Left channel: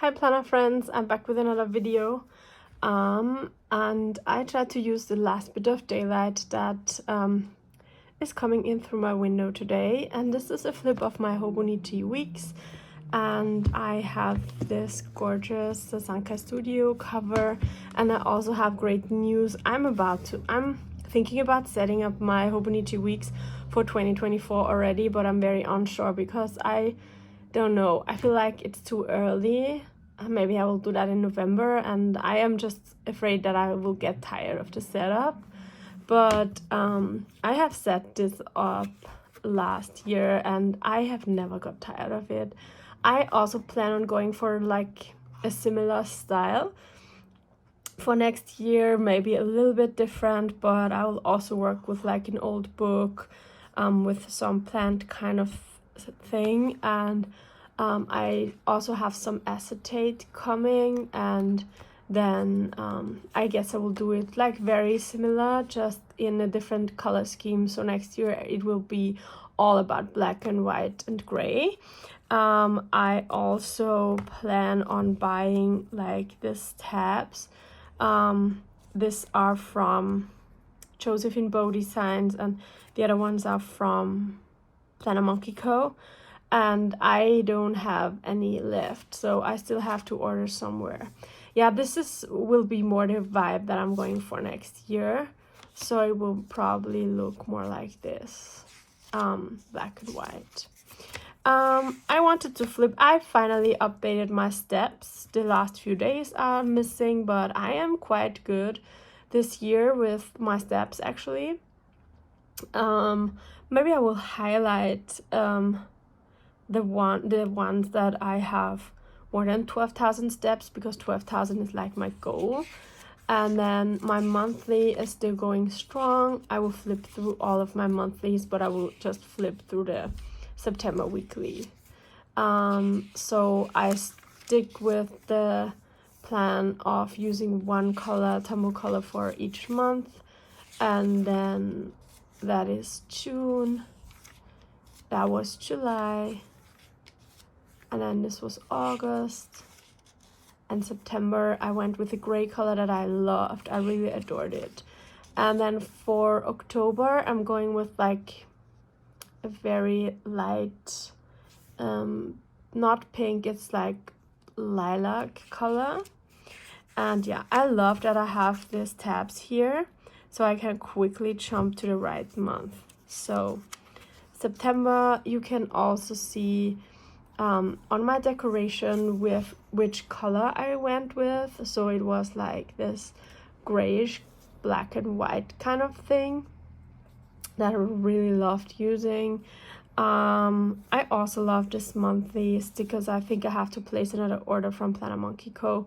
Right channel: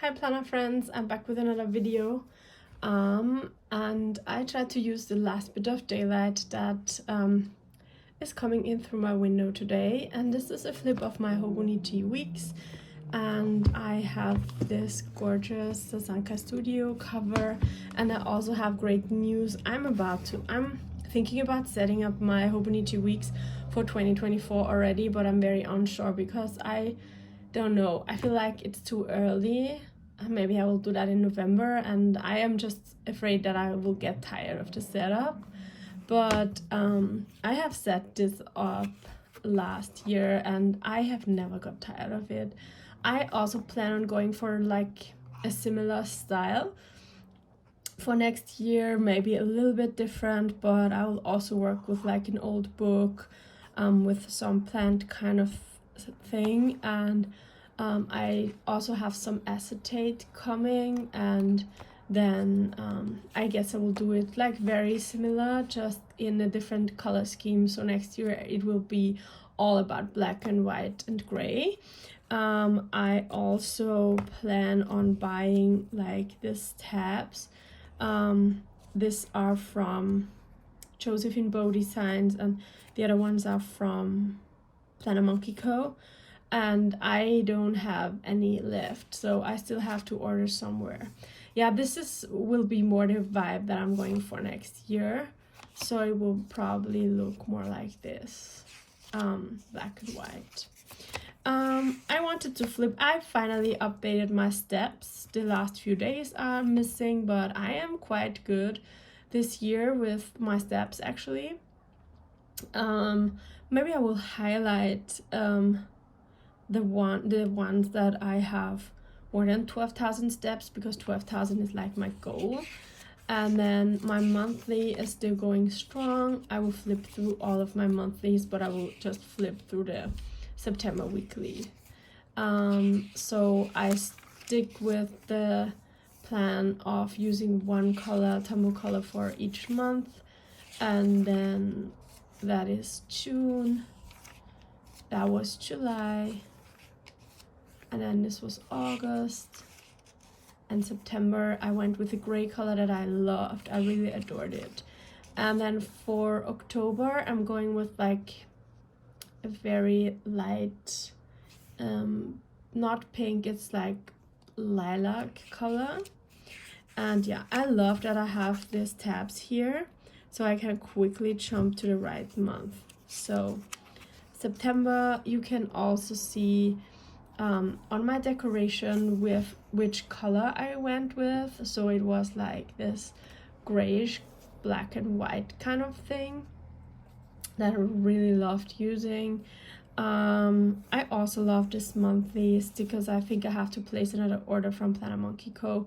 Hi planner friends, I'm back with another video and I tried to use the last bit of daylight that is coming in through my window today, and this is a flip of my Hobonichi weeks, and I have this gorgeous Sasanka Studio cover, and I also have great news. I'm thinking about setting up my Hobonichi weeks for 2024 already, but I'm very unsure because I don't know, I feel like it's too early. Maybe I will do that in November, and I am just afraid that I will get tired of the setup. But I have set this up last year and I have never got tired of it. I also plan on going for like a similar style for next year, maybe a little bit different, but I will also work with like an old book with some plant kind of thing, and I also have some acetate coming, and then I guess I will do it like very similar, just in a different color scheme. So next year it will be all about black and white and gray. I also plan on buying like these tabs. These are from Josephine Bow Designs, and the other ones are from Planner Monkey Co. And I don't have any left, so I still have to order somewhere. Yeah, will be more the vibe that I'm going for next year, so it will probably look more like this, black and white. I wanted to flip. I finally updated my steps. The last few days are missing, but I am quite good this year with my steps actually. Maybe I will highlight the ones that I have more than 12,000 steps, because 12,000 is like my goal. And then my monthly is still going strong. I will flip through all of my monthlies, but I will just flip through the September weekly. So I stick with the plan of using one color, tumble color, for each month, and then that is June, that was July, and then this was August, and September I went with a gray color that I loved. I really adored it. And then for October I'm going with like a very light, not pink, it's like lilac color. And yeah, I love that I have these tabs here, so I can quickly jump to the right month. So September, you can also see on my decoration with which color I went with. So it was like this grayish black and white kind of thing that I really loved using. I also love this monthlies because I think I have to place another order from Planner Monkey Co.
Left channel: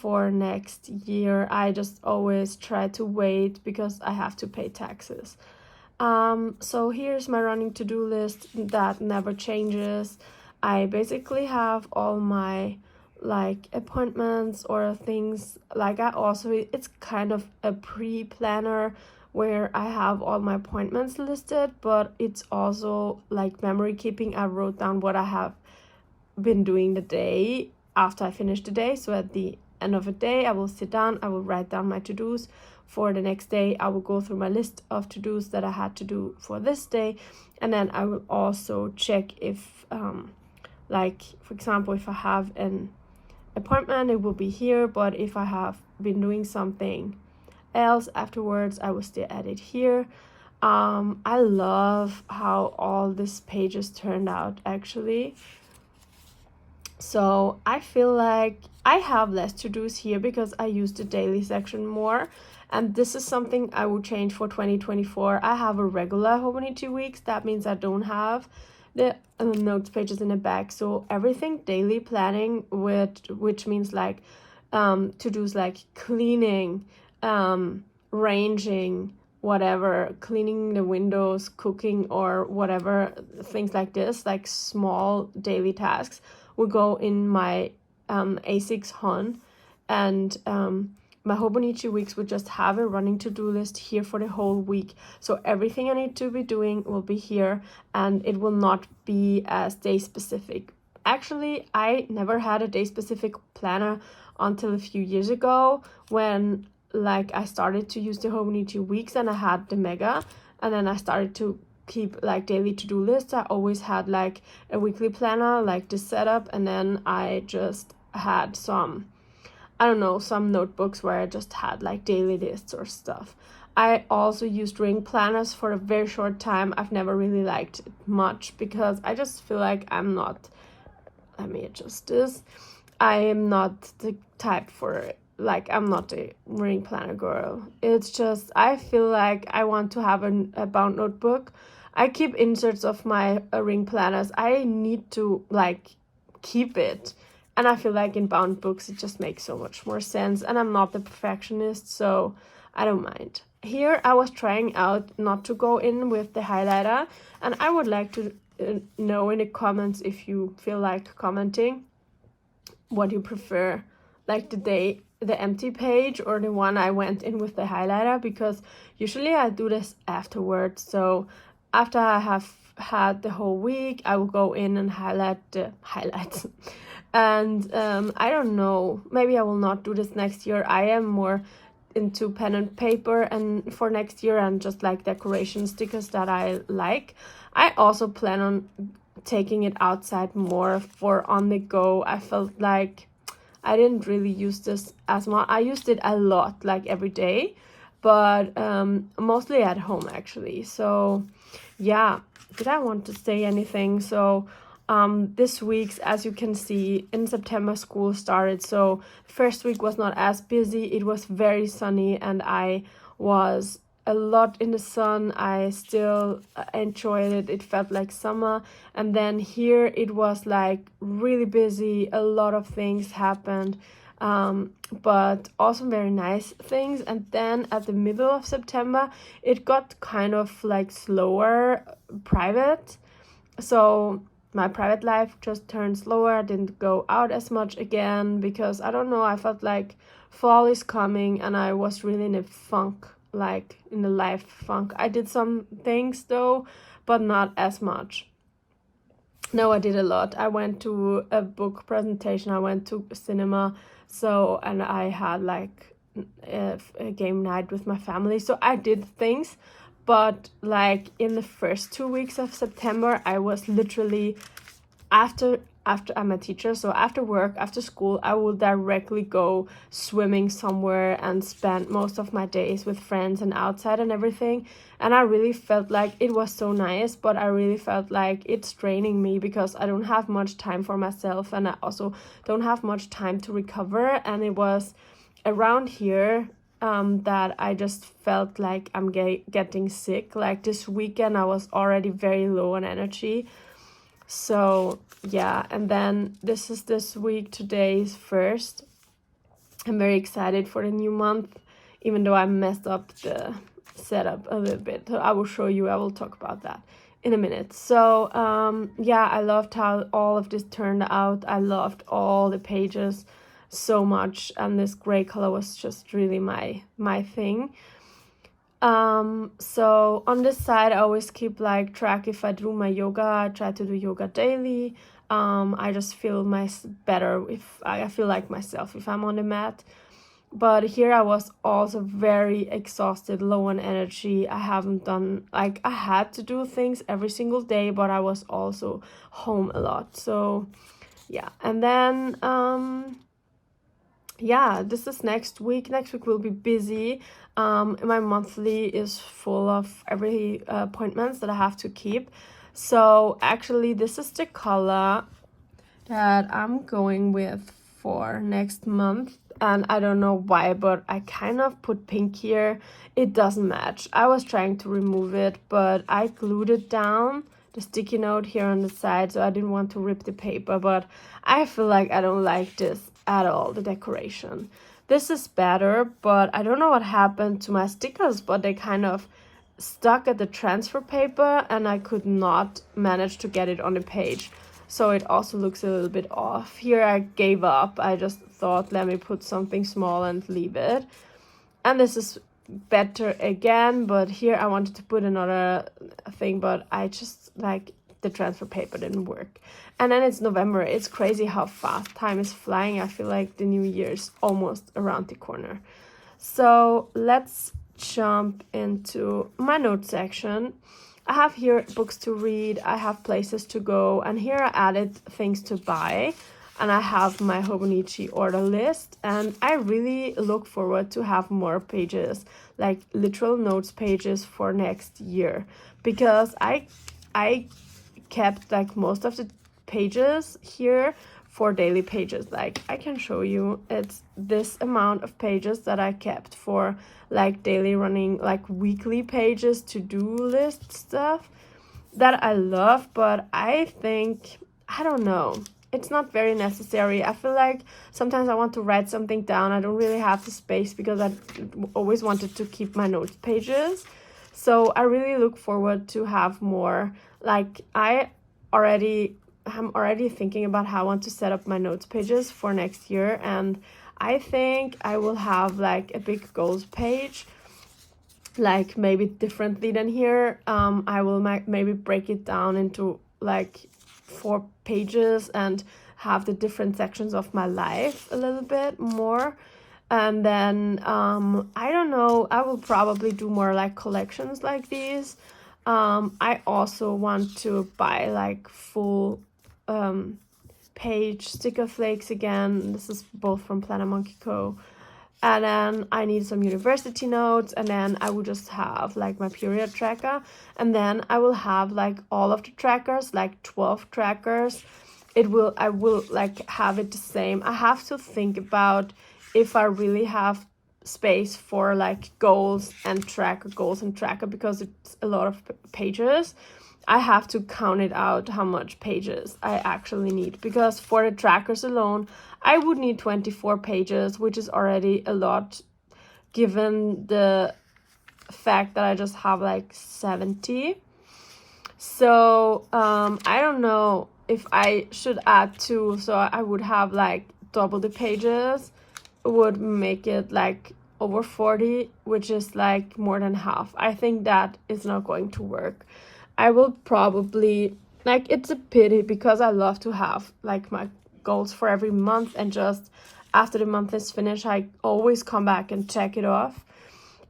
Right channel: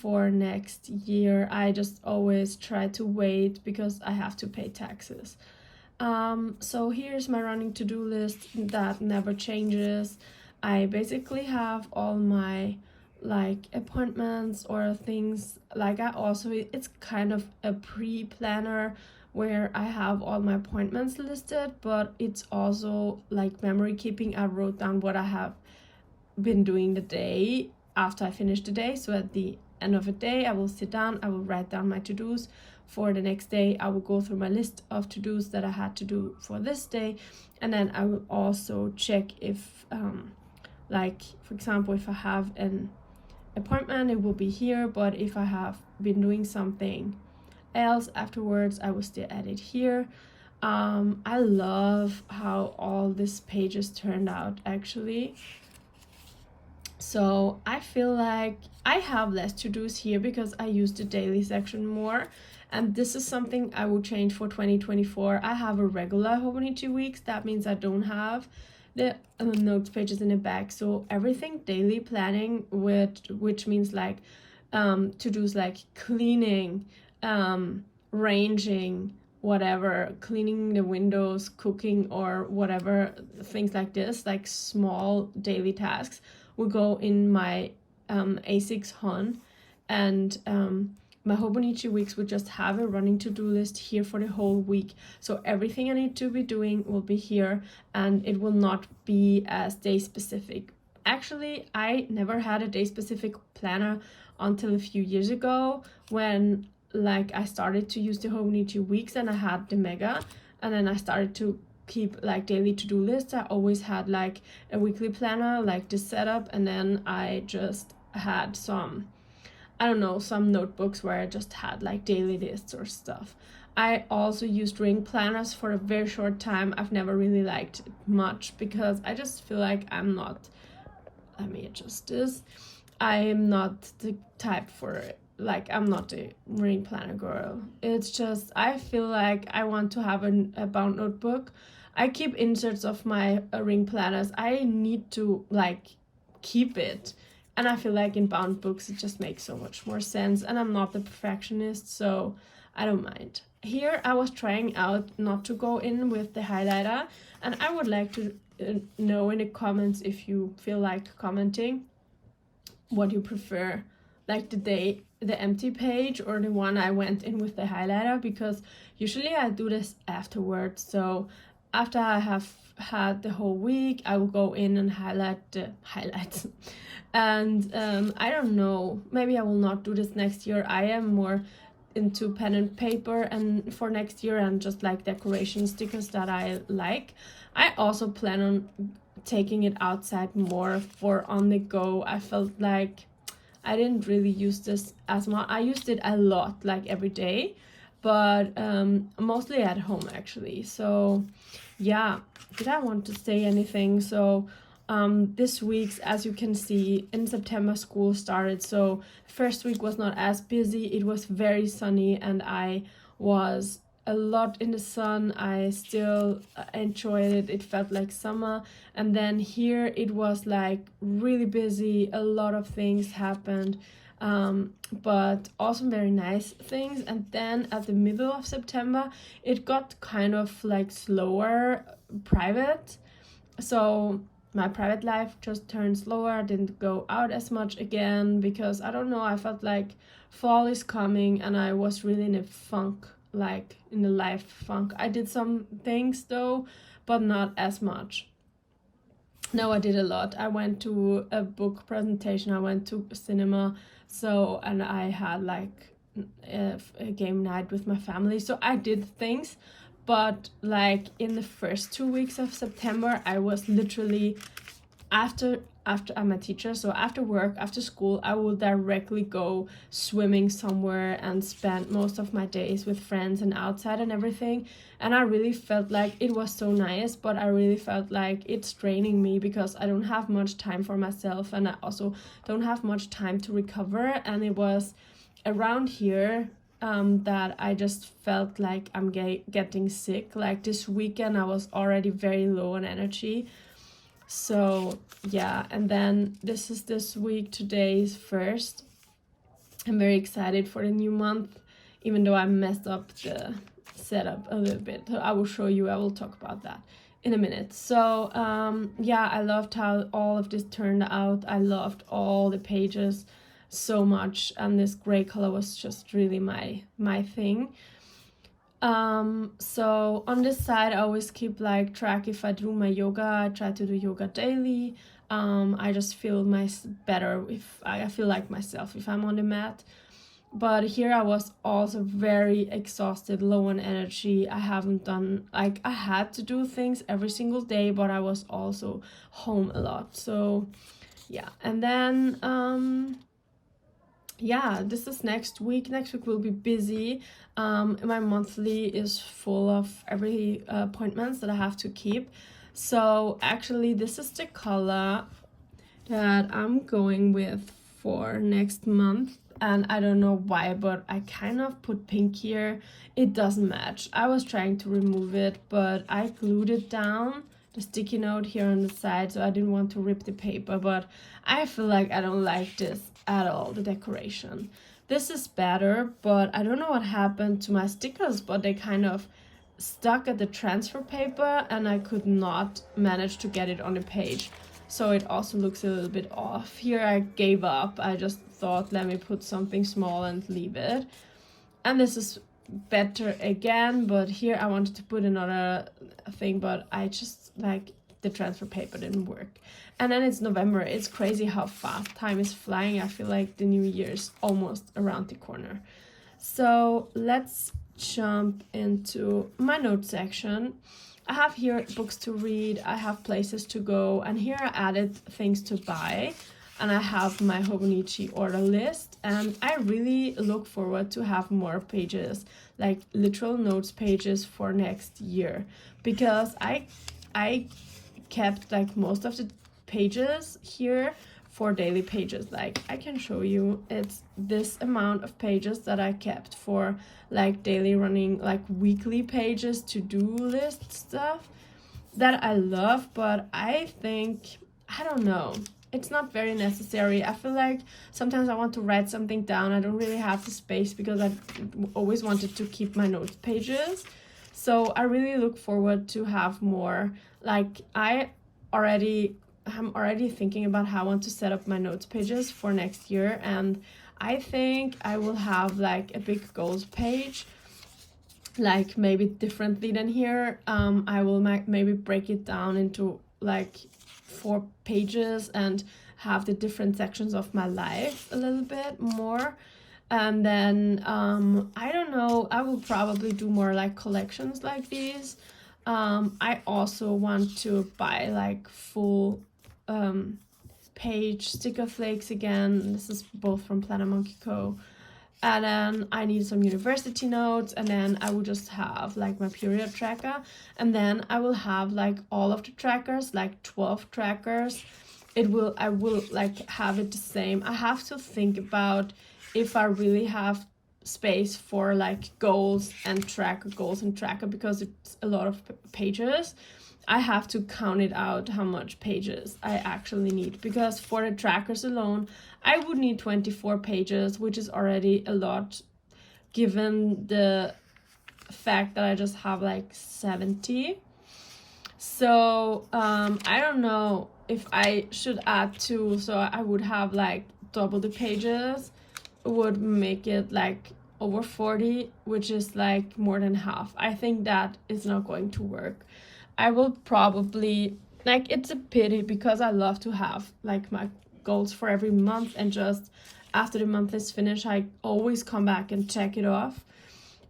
For next year. I just always try to wait because I have to pay taxes. So here's my running to-do list that never changes. I basically have all my like appointments or things like it's kind of a pre-planner where I have all my appointments listed, but it's also like memory keeping. I wrote down what I have been doing the day after I finish the day. So at the end of the day, I will sit down, I will write down my to-dos for the next day. I will go through my list of to-dos that I had to do for this day, and then I will also check if like for example, if I have an appointment, it will be here, but if I have been doing something else afterwards, I will still add it here. I love how all these pages turned out actually. So I feel like I have less to-dos here because I use the daily section more, and this is something I will change for 2024. I have a regular Hobonichi weeks. That means I don't have the notes pages in the back. So everything daily planning, which means like to-dos like cleaning, ranging, whatever, cleaning the windows, cooking, or whatever, things like this, like small daily tasks, will go in my A6 Hon, and my Hobonichi weeks would just have a running to-do list here for the whole week. So everything I need to be doing will be here, and it will not be as day specific. actually, I never had a day specific planner until a few years ago when like I started to use the Hobonichi weeks and I had the mega, and then I started to keep like daily to-do lists. I always had like a weekly planner like this setup, and then I just had some, I don't know, some notebooks where I just had like daily lists or stuff. I also used ring planners for a very short time. I've never really liked it much because I just feel like I'm not, let me adjust this, I am not the type for it. Like, I'm not a ring planner girl. It's just, I feel like I want to have a bound notebook. I keep inserts of my ring planners. I need to like keep it. And I feel like in bound books, it just makes so much more sense. And I'm not the perfectionist, so I don't mind. Here, I was trying out not to go in with the highlighter. And I would like to know in the comments, if you feel like commenting, what you prefer, like the empty page or the one I went in with the highlighter, because usually I do this afterwards. So after I have had the whole week, I will go in and highlight the highlights. And I don't know, maybe I will not do this next year. I am more into pen and paper and for next year, and just like decoration stickers that I like. I also plan on taking it outside more for on the go. I felt like I didn't really use this as much. I used it a lot, like every day, but mostly at home actually. So yeah, did I want to say anything? So this week's, as you can see, in September school started. So first week was not as busy. It was very sunny and I was a lot in the sun. I still enjoyed it. It felt like summer. And then here it was like really busy. A lot of things happened, but also very nice things. And then at the middle of September, it got kind of like slower private. So my private life just turned slower. I didn't go out as much again because I don't know, I felt like fall is coming and I was really in a funk, like in a life funk. I did some things though, but not as much. No, I did a lot. I went to a book presentation, I went to cinema, so, and I had like a game night with my family, so I did things. But like in the first 2 weeks of September, I was literally after I'm a teacher, so after work, after school, I will directly go swimming somewhere and spend most of my days with friends and outside and everything. And I really felt like it was so nice, but I really felt like it's draining me because I don't have much time for myself, and I also don't have much time to recover. And it was around here that I just felt like I'm getting sick. Like this weekend, I was already very low on energy. So yeah, and then this is this week. Today is first. I'm very excited for the new month, even though I messed up the setup a little bit. So I will show you, I will talk about that in a minute. So yeah, I loved how all of this turned out. I loved all the pages so much, and this gray color was just really my thing. So on this side, I always keep like track if I do my yoga. I try to do yoga daily. I just feel better if I feel like myself if I'm on the mat. But here I was also very exhausted, low on energy. I haven't done, like, I had to do things every single day, but I was also home a lot. So yeah, and then yeah, this is next week. Next week will be busy. My monthly is full of every appointments that I have to keep. So actually, this is the color that I'm going with for next month. And I don't know why, but I kind of put pink here. It doesn't match. I was trying to remove it, but I glued it down, the sticky note here on the side, so I didn't want to rip the paper. But I feel like I don't like this at all, the decoration. This is better, but I don't know what happened to my stickers, but they kind of stuck at the transfer paper and I could not manage to get it on the page. So it also looks a little bit off. Here I gave up. I just thought, let me put something small and leave it. And this is better again, but here I wanted to put another thing, but I just, like, the transfer paper didn't work. And then it's November. It's crazy how fast time is flying. I feel like the new year's almost around the corner. So let's jump into my notes section. I have here books to read, I have places to go, and here I added things to buy, and I have my Hobonichi order list, and I really look forward to have more pages, like literal notes pages for next year, because I kept like most of the pages here for daily pages. Like I can show you, it's this amount of pages that I kept for like daily running, like weekly pages, to-do list stuff that I love, but I think, I don't know, it's not very necessary. I feel like sometimes I want to write something down. I don't really have the space because I always wanted to keep my notes pages. So I really look forward to have more. Like I'm already thinking about how I want to set up my notes pages for next year, and I think I will have like a big goals page, like maybe differently than here. I will maybe break it down into like 4 pages and have the different sections of my life a little bit more. And then I don't know, I will probably do more like collections like these. I also want to buy like full page sticker flakes again. This is both from Planner Monkey Co. And then I need some university notes, and then I will just have like my period tracker, and then I will have like all of the trackers, like 12 trackers. I will like have it the same. I have to think about if I really have space for like goals and tracker, because it's a lot of pages. I have to count it out how much pages I actually need, because for the trackers alone I would need 24 pages, which is already a lot given the fact that I just have like 70. So I don't know if I should add 2, so I would have like double the pages, would make it like over 40, which is like more than half. I think that is not going to work. I will probably, like, it's a pity because I love to have like my goals for every month, and just after the month is finished I always come back and check it off.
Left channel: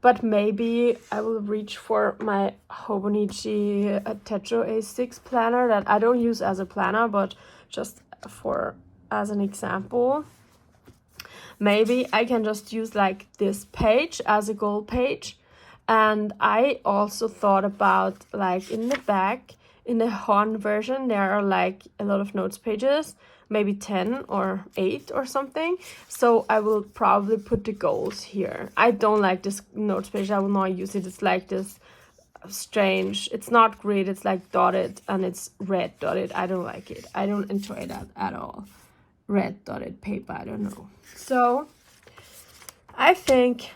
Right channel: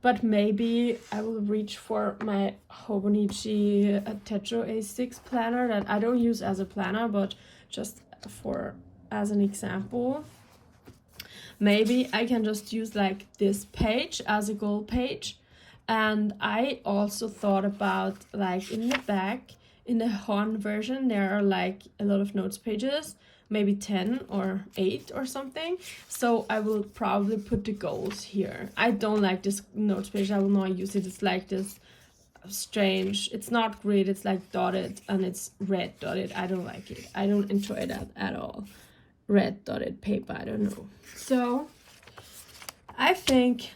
But maybe I will reach for my Hobonichi Techo A6 planner that I don't use as a planner, but just as an example. Maybe I can just use like this page as a goal page. And I also thought about like in the back, in the Hon version, there are like a lot of notes pages, maybe 10 or 8 or something. So I will probably put the goals here. I don't like this notes page. I will not use it. It's like this strange, it's not grid, it's like dotted, and it's red dotted. I don't like it. I don't enjoy that at all. Red dotted paper, I don't know. So I think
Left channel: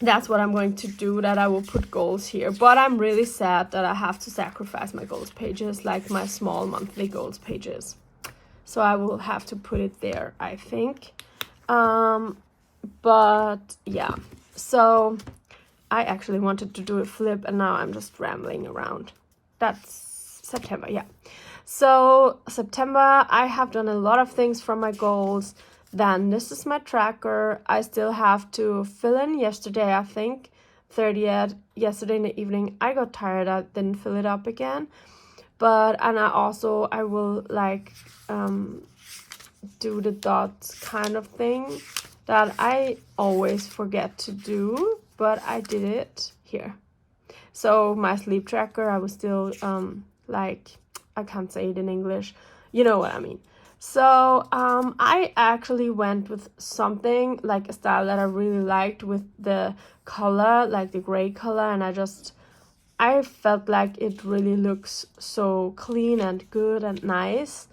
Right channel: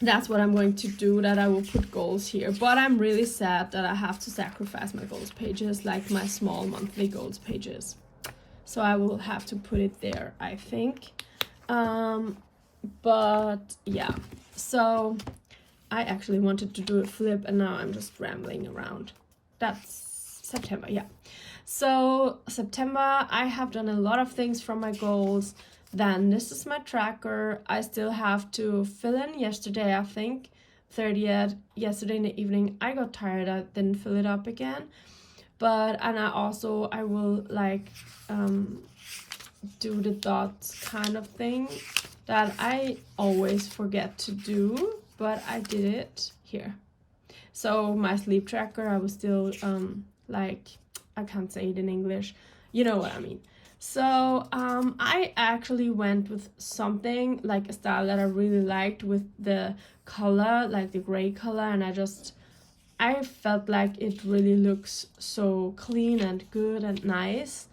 that's what I'm going to do, that I will put goals here. But I'm really sad that I have to sacrifice my goals pages, like my small monthly goals pages. So I will have to put it there, I think. But yeah, so I actually wanted to do a flip, and now I'm just rambling around. That's September, yeah. So September, I have done a lot of things for my goals. Then this is my tracker. I still have to fill in yesterday, I think, 30th. Yesterday in the evening, I got tired. I didn't fill it up again. And I will like do the dots kind of thing that I always forget to do, but I did it here. So my sleep tracker, I was still like, I can't say it in English. You know what I mean. So I actually went with something like a style that I really liked with the color, like the gray color, and I felt like it really looks so clean and good and nice.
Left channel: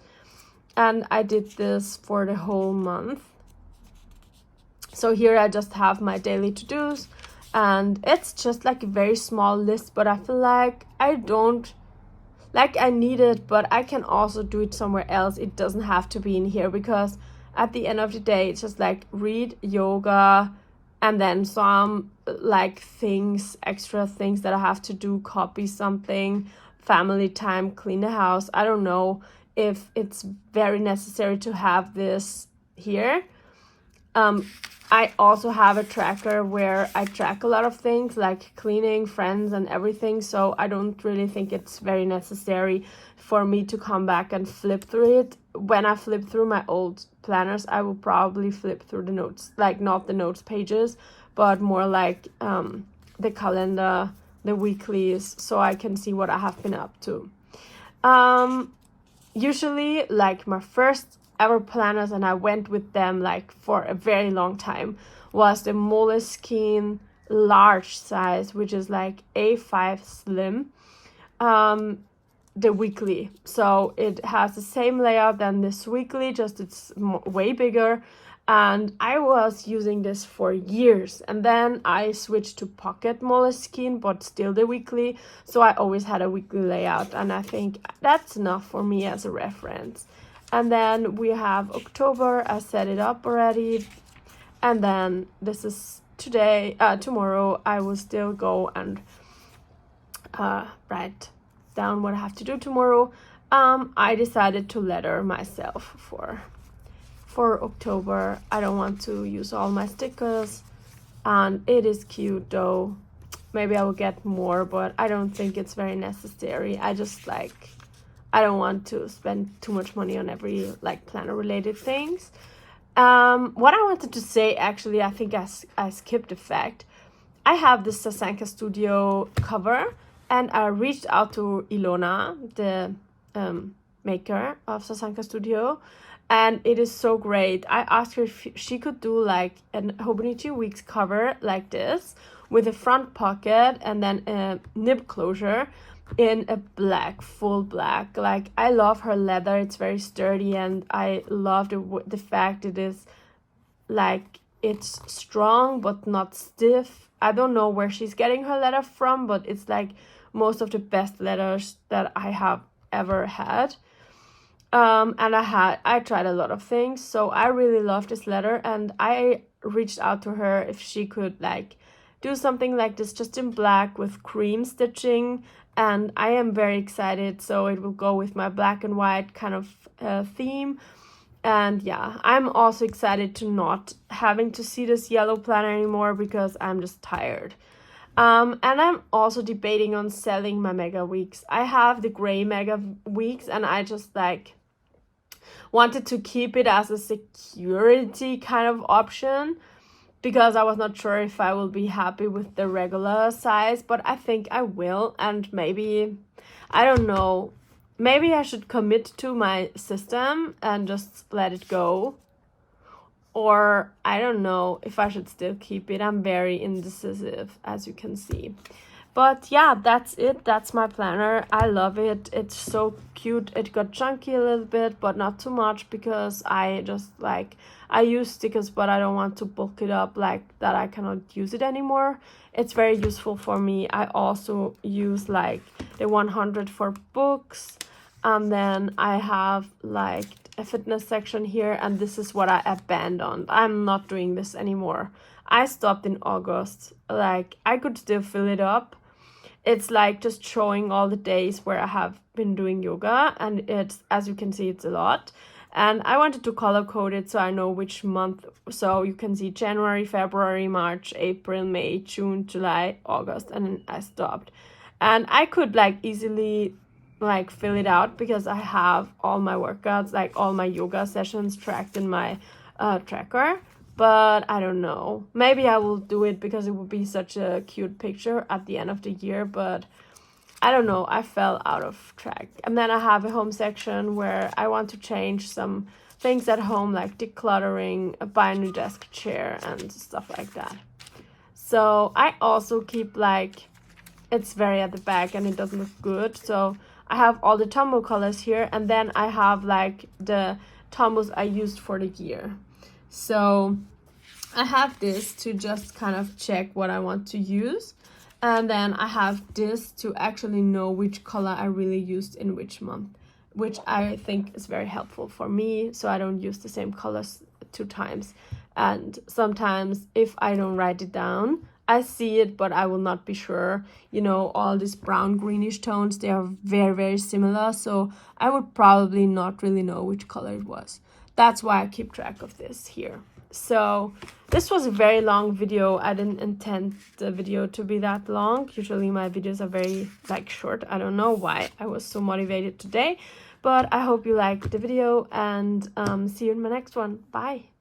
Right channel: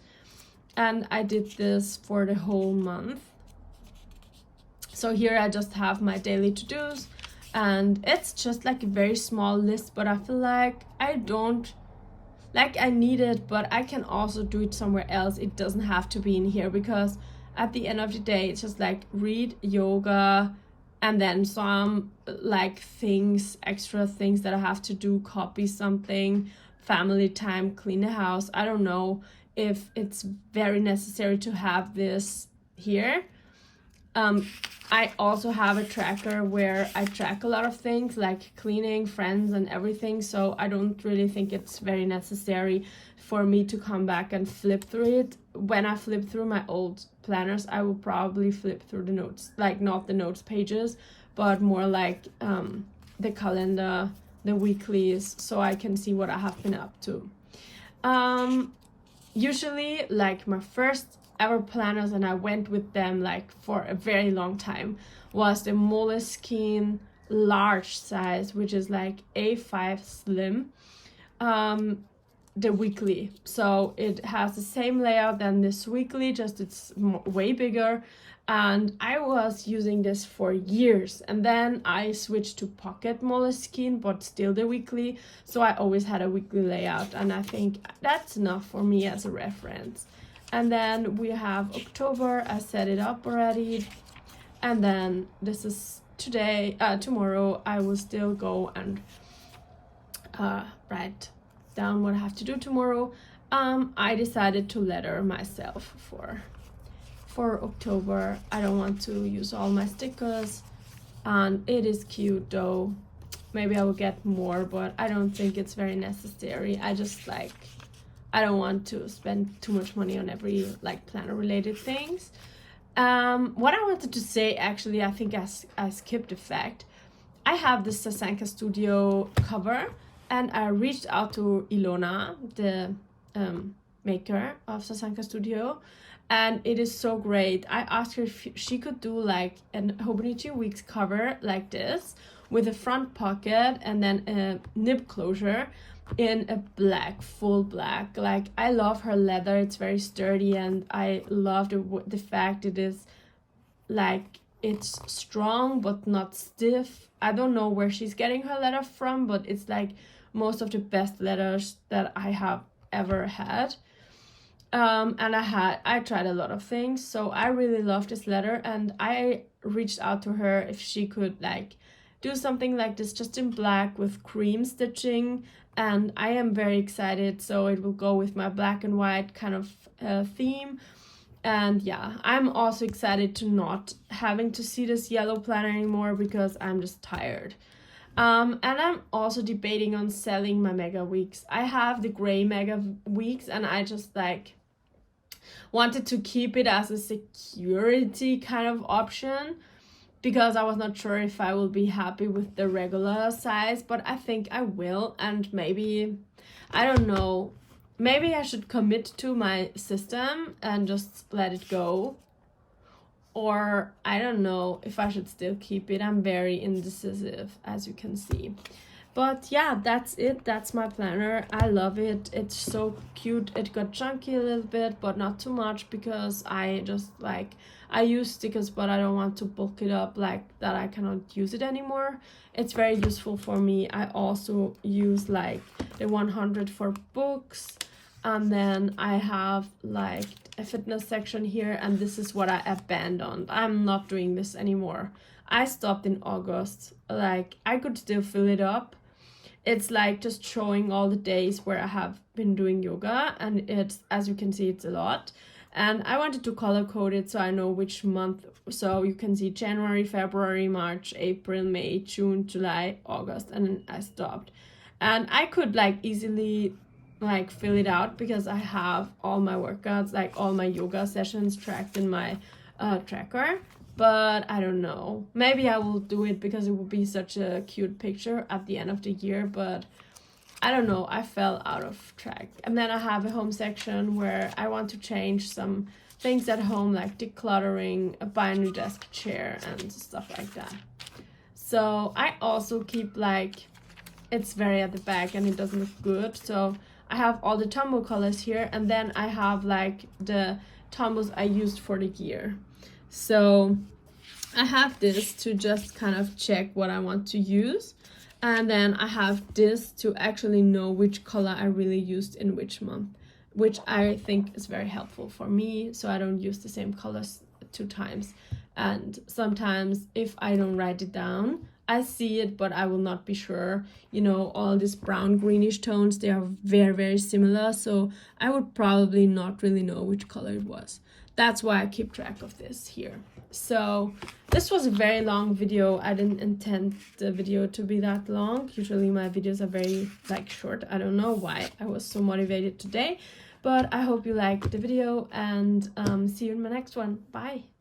And I did this for the whole month. So here I just have my daily to-dos, and it's just like a very small list, but I feel like I need it, but I can also do it somewhere else. It doesn't have to be in here, because at the end of the day, it's just like read, yoga, and then some like extra things that I have to do, copy something, family time, clean the house. I don't know if it's very necessary to have this here. I also have a tracker where I track a lot of things like cleaning, friends, and everything. So I don't really think it's very necessary for me to come back and flip through it. When I flip through my old planners, I will probably flip through the notes, like not the notes pages, but more like the calendar, the weeklies, so I can see what I have been up to. Usually, like my first ever planners, and I went with them like for a very long time, was the Moleskine large size, which is like A5 slim, the weekly. So it has the same layout than this weekly, just it's way bigger. And I was using this for years, and then I switched to pocket Moleskine, but still the weekly, so I always had a weekly layout, and I think that's enough for me as a reference. And then we have October. I set it up already, and then this is today. Tomorrow I will still go and write down what I have to do tomorrow. I decided to letter myself for October. I don't want to use all my stickers, and it is cute though. Maybe I will get more, but I don't think it's very necessary. I just like, I don't want to spend too much money on every like planner related things. What I wanted to say, actually, I think I skipped a fact. I have the Sasanka Studio cover, and I reached out to Ilona, the maker of Sasanka Studio, and it is so great. I asked her if she could do like an Hobonichi Weeks cover like this, with a front pocket and then a nib closure in a black, full black. Like, I love her leather, it's very sturdy, and I love the fact it is like, it's strong but not stiff. I don't know where she's getting her leather from, but it's like most of the best leathers that I have ever had. And I tried a lot of things, so I really love this leather, and I reached out to her if she could like do something like this just in black with cream stitching, and I am very excited. So it will go with my black and white kind of theme. And yeah, I'm also excited to not having to see this yellow planner anymore, because I'm just tired. And I'm also debating on selling my Mega Weeks. I have the gray Mega Weeks, and I just like wanted to keep it as a security kind of option, because I was not sure if I will be happy with the regular size, but I think I will. And maybe, I don't know, maybe I should commit to my system and just let it go. Or I don't know if I should still keep it. I'm very indecisive, as you can see. But yeah, that's it. That's my planner. I love it. It's so cute. It got chunky a little bit, but not too much, because I just like, I use stickers, but I don't want to bulk it up like that I cannot use it anymore. It's very useful for me. I also use like the 100 for books, and then I have like a fitness section here, and this is what I abandoned. I'm not doing this anymore. I stopped in August. Like, I could still fill it up. It's like just showing all the days where I have been doing yoga, and it's, as you can see, it's a lot. And I wanted to color code it so I know which month. So you can see January, February, March, April, May, June, July, August, and then I stopped. And I could like easily like fill it out, because I have all my workouts, like all my yoga sessions tracked in my tracker. But I don't know, maybe I will do it because it would be such a cute picture at the end of the year, but I don't know, I fell out of track. And then I have a home section where I want to change some things at home, like decluttering, buy a new desk chair and stuff like that. So I also keep like, it's very at the back and it doesn't look good, so I have all the tumble colors here, and then I have like the tumbles I used for the year. So I have this to just kind of check what I want to use, and then I have this to actually know which color I really used in which month, which I think is very helpful for me, so I don't use the same colors 2 times. And sometimes if I don't write it down, I see it, but I will not be sure. You know, all these brown greenish tones, they are very, very similar, so I would probably not really know which color it was. That's why I keep track of this here. So this was a very long video. I didn't intend the video to be that long. Usually my videos are very like short. I don't know why I was so motivated today, but I hope you liked the video, and see you in my next one. Bye.